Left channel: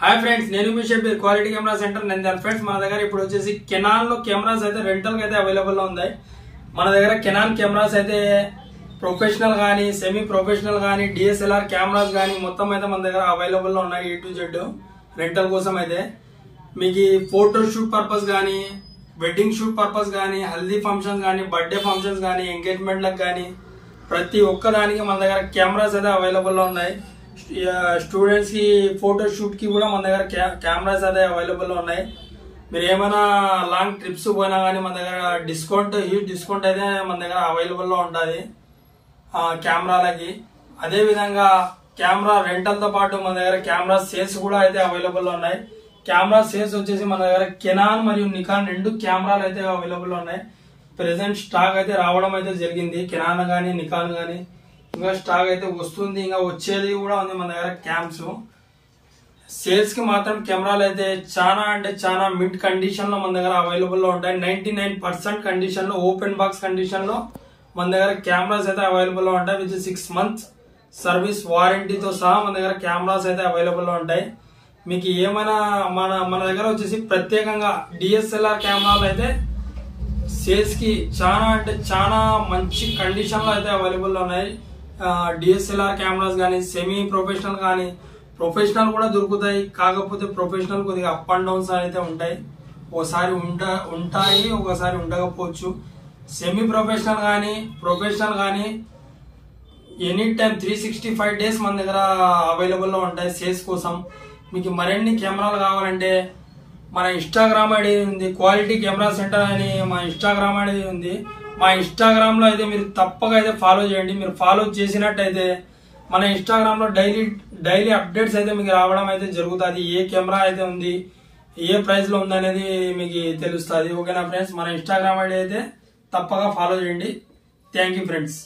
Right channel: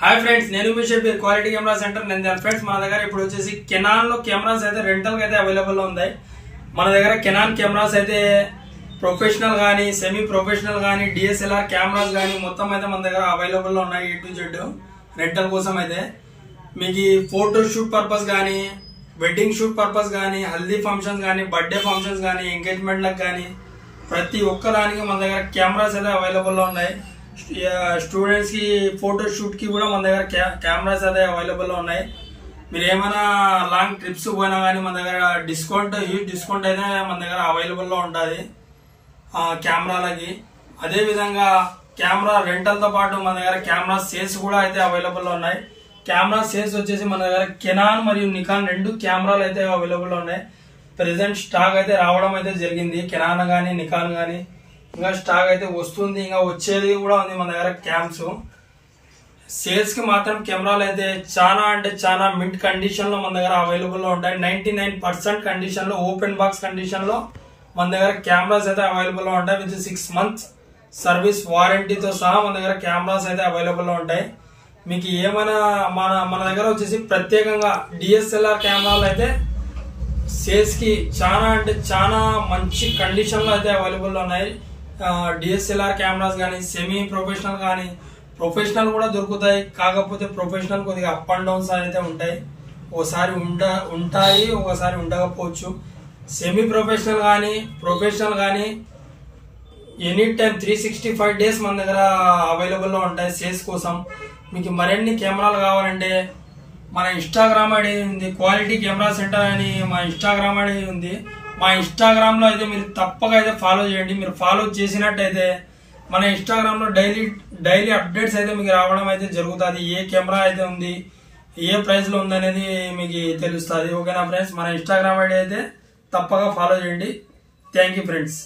Hi friends, నేను మీ Shabbir quality camera centre Nandyal. Friends, మన దగ్గర ఇప్పుడు వచ్చేసి కెనాన్ లో కెమెరాస్ అయితే రెంటల్ అయితే అవైలబుల్ లో ఉన్నాయి. మన దగ్గర కెనాన్ కెమెరాస్ అయితే ప్రొఫెషనల్ గానీ, సెమీ ప్రొఫెషనల్ గానీ, డిఎస్ఎల్ఆర్ కెమెరాస్ గానీ మొత్తం అయితే మన దగ్గర అవైలబుల్ లో ఉన్నాయి. A to Z రెంటల్ కోసం అయితే మీకు ఫోటో షూట్ పర్పస్ గానీ, వెడ్డింగ్ షూట్ పర్పస్ గానీ, హల్దీ ఫంక్షన్స్ గానీ, బర్త్డే ఫంక్షన్స్ గానీ, ఎంగేజ్మెంట్ లకు గానీ ప్రతి ఒక్క దానికి మన దగ్గర కెమెరాస్ అయితే అవైలబుల్ లో ఉన్నాయి. స్టూడెంట్స్ కి ఫోటో షూట్ కి కూడా మన దగ్గర కెమెరాస్ అయితే అవైలబుల్ లో ఉన్నాయి. మీరు ఏమైనా లాంగ్ ట్రిప్స్ పోయినా కానీ మన దగ్గర హ్యూజ్ డిస్కౌంట్ అయితే మన దగ్గర అవైలబుల్ లో ఉంటుంది కెమెరాలకి. అదే విధంగా కెమెరా రెంటల్ తో పాటు మన దగ్గర కెమెరా సేల్స్ కూడా అయితే అవైలబుల్ లో ఉన్నాయి. కెమెరా సేల్స్ వచ్చేసి మన దగ్గర కెనాన్ మరియు నికాన్ రెండు కెమెరాలు అయితే అవైలబుల్ లో ఉన్నాయి. ప్రెసెంట్ స్టాక్ అయితే రావడం అయితే జరిగింది. కెనాన్ గానీ, నికాన్ గానీ ఇంకా స్టాక్ అయితే వస్తుంది, ఇంకా వచ్చేది కూడా ఉంది మన దగ్గర క్యామ్స్. సేల్స్ కి మాత్రం కెమెరాలు అయితే చాలా అంటే చాలా మిడ్ కండిషన్ లో మన దగ్గర అవైలబుల్ లో ఉంటాయి. 99% కండిషన్ లో, ఓపెన్ బాక్స్ కండిషన్ లో మన దగ్గర కెమెరాస్ అయితే అవైలబుల్ లో ఉంటాయి. విత్ 6 months సర్వీస్ వారంటీతో సహా మన దగ్గర కెమెరాస్ అయితే అవైలబుల్ లో ఉంటాయి. మీకు ఏమైనా మన దగ్గర వచ్చేసి ప్రత్యేకంగా డిఎస్ఎల్ఆర్ కెమెరాలు అయితే సేల్స్ కి చాలా అంటే చాలా మంచి కండిషన్ లో అయితే అవైలబుల్ లో ఉన్నాయి. డిఎస్ఎల్ఆర్ కెమెరాస్ కానీ, సెమీ ప్రొఫెషనల్ కానీ, ప్రొఫెషనల్ కూడా దొరుకుతాయి. కాకపోతే ప్రొఫెషనల్ కొద్దిగా అప్ అండ్ డౌన్స్ అయితే ఉంటాయి. ఒకసారి ఉంటాయి, ఒకసారి ఉండకపోవచ్చు. సెమీ ప్రొఫెషనల్ కానీ, ప్రొఫెషనల్ కానీ ఎనీ టైం 365 days మన దగ్గర అవైలబుల్ లో ఉంటాయి సేల్స్ కోసం. మీకు మరిన్ని కెమెరాలు కావాలంటే మన ఇన్స్టాగ్రామ్ ఐడి ఉంది, క్వాలిటీ కెమెరా సెంటర్ అని మా ఇన్స్టాగ్రామ్ ఐడి ఉంది. మా ఇన్స్టాగ్రామ్ లో అయితే మీరు తప్పక అయితే ఫాలో చేయండి. మీరు ఫాలో చేసినట్టయితే మన ఇన్స్టాగ్రామ్ లో డైలీ అప్డేట్స్ అయితే మీకు రావడం అయితే జరుగుతుంది. ఏ కెమెరా అయితే ఉంది, ఏ ప్రైస్ లో ఉంది అనేది మీకు తెలుస్తుంది. ఓకేనా ఫ్రెండ్స్, మన ఇన్స్టాగ్రామ్ ఐడి అయితే తప్పక ఫాలో చేయండి. Thank you friends.